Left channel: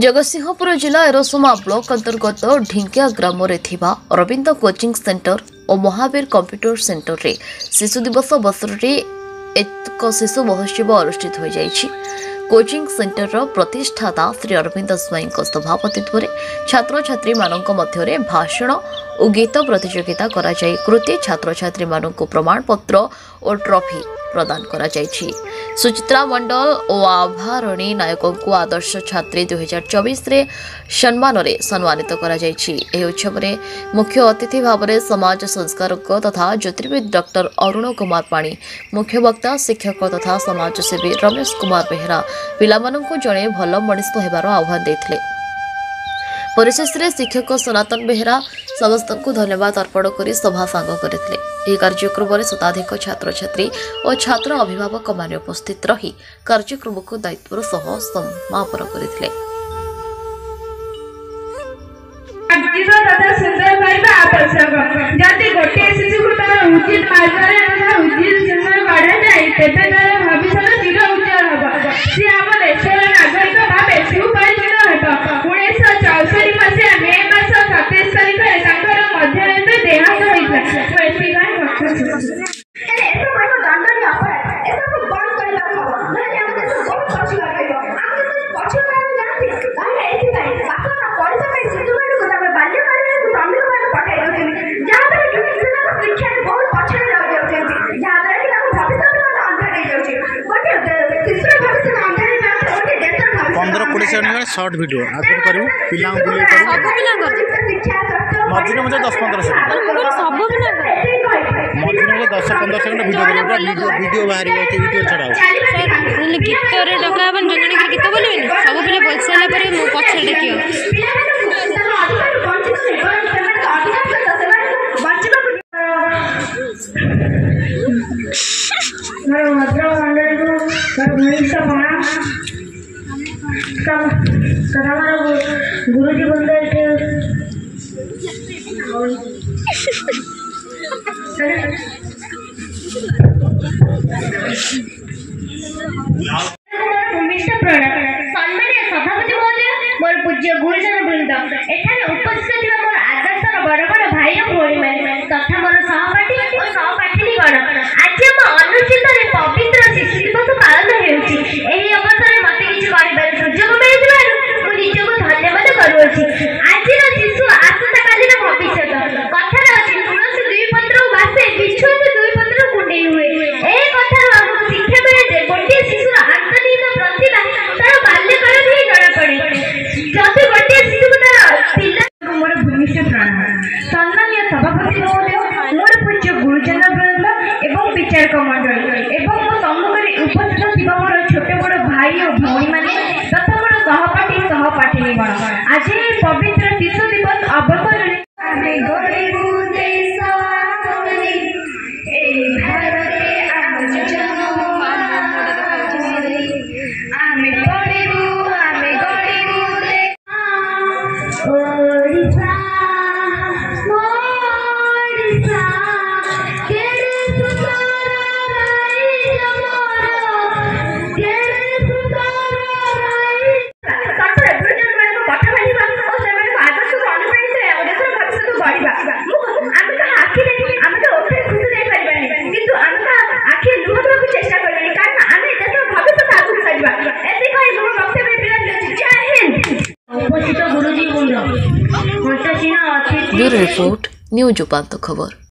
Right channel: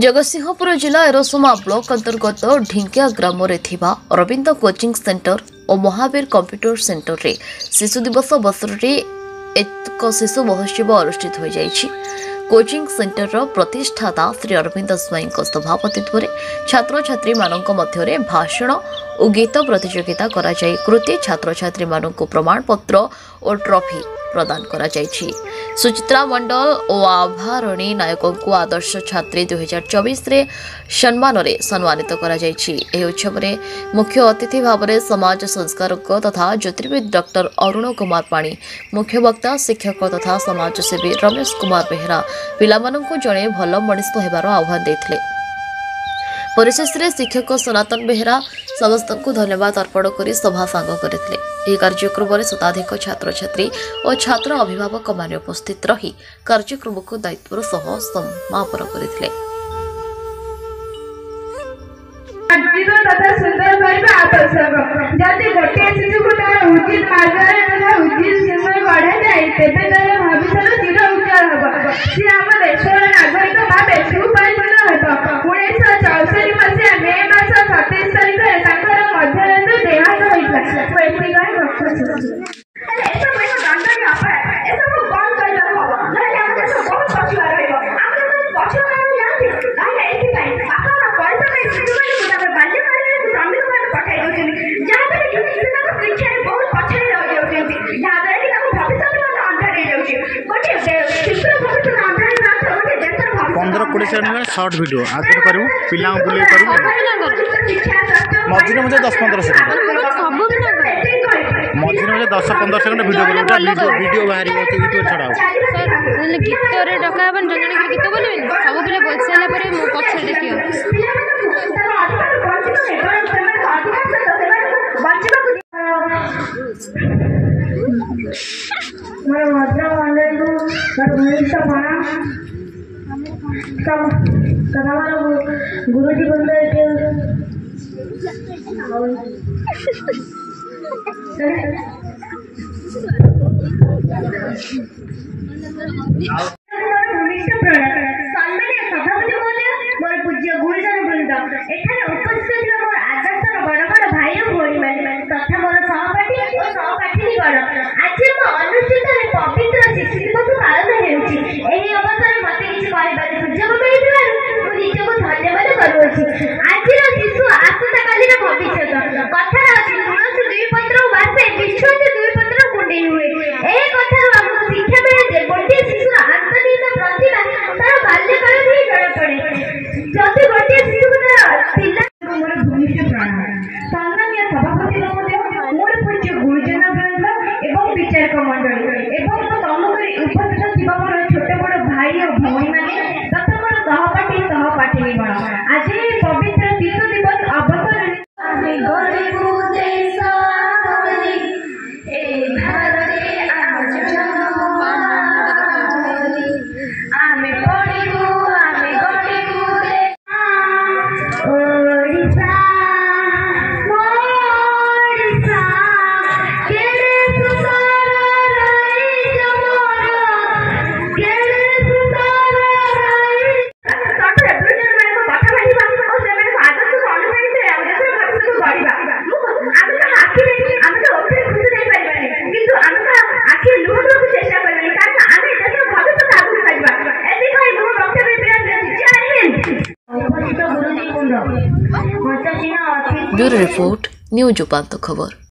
जगतसिंहपुर जिला एरोसोमा ब्लॉक अंतर्गत ढिंकिया ग्राम Arvind coaching centre और महावीर कंप्यूटर सेंटर रे शिशु दिवस अवसर में एक शिशु महोत्सव अनुष्ठित हो जाइछि। कोचिंग सेंटर प्रतिष्ठाता श्री अरविंद स्वाई सभापतित्व में छात्र छात्री मानक मध्य भाषण और गीत प्रतियोगिता करा जाय कृति छात्र छात्री मानक प्रमाण पत्र और ट्रॉफी प्रदान करा जायछि। सुचित्रा मंडल और आभारणी नायक को आदर्श छात्री 2024 रे सम्मान रे सम्मानित करा जायछि। एही उत्सव रे मुख्य अतिथि भाव में समाज संस्कारक तथा ज्योतिर्विद डॉक्टर अरुण कुमार पाणी, मुख्य वक्ता शिक्षक तथा समाजसेवी रमेश कुमार बेहरा पिलामानंकु जणे भल मनीष हेबार आह्वान देथिले। परिशेष रे शिक्षक सनातन बेहरा समस्त को धन्यवाद अर्पण कर सभा सांग करथिले। यह कार्यक्रम में शताधिक छात्र छात्री और छात्र अभिभावक मान उपस्थित रही कार्यक्रम को दायित्वर सह समापन करथिले। पंद्रह कोड़े सेकेंड सर्ट वीडियो आगे करूँ पिला बुले मझे मुझे 10-15 सेकेंड मझे मुझे 10-15 सेकेंड वीडियो वीडियो बाहर यूट्यूब छड़ा गीत डका जन जन गीत बोल सब पिले बोल सारा मो पक्ष देखियो गुरुजी बंद सभापति महोदय मोर पूज्य गुरुजन वृंद एठाने उपस्थित मोर आदर्शर बड़ बड़ भाई और भौणी मैंने तथा मोर सहपाठी और सहपाठिनीगण आज आम अनुष्ठित पवित्र शिशु दिवस पालन होती अवसर मत किसी कहबार सुजोग मिलू निजक धन्यवाद करुँच। आज शिशु आसंता कालीन भविष्य कथार अच्छी तुलसी दुई पत्र बासे बिछु दुई पत्र कुंडे हुए ए कथार आमको शिक्षा मिले जे गोटे शिशुर आंतरिक प्रतिभा तार बाल्यकाल ही जଣା पड़े। जदि गोटे शिशु पिला मोर भूमिष्ठ प्राण सम्मानीय सभापति महोदय मोर पूज्य गुरुजन वृंद एवं विचारक मंडली एवं मो सम्मुखें उपस्थित थिबा मोर छोट बड़ भाई और भौणी माने तथा मोर सहपाठी सहपाठिनीगण आज पवित्र शिशु दिवस अवसर ब्यूरो रिपोर्ट न्यूज उपांत खबर।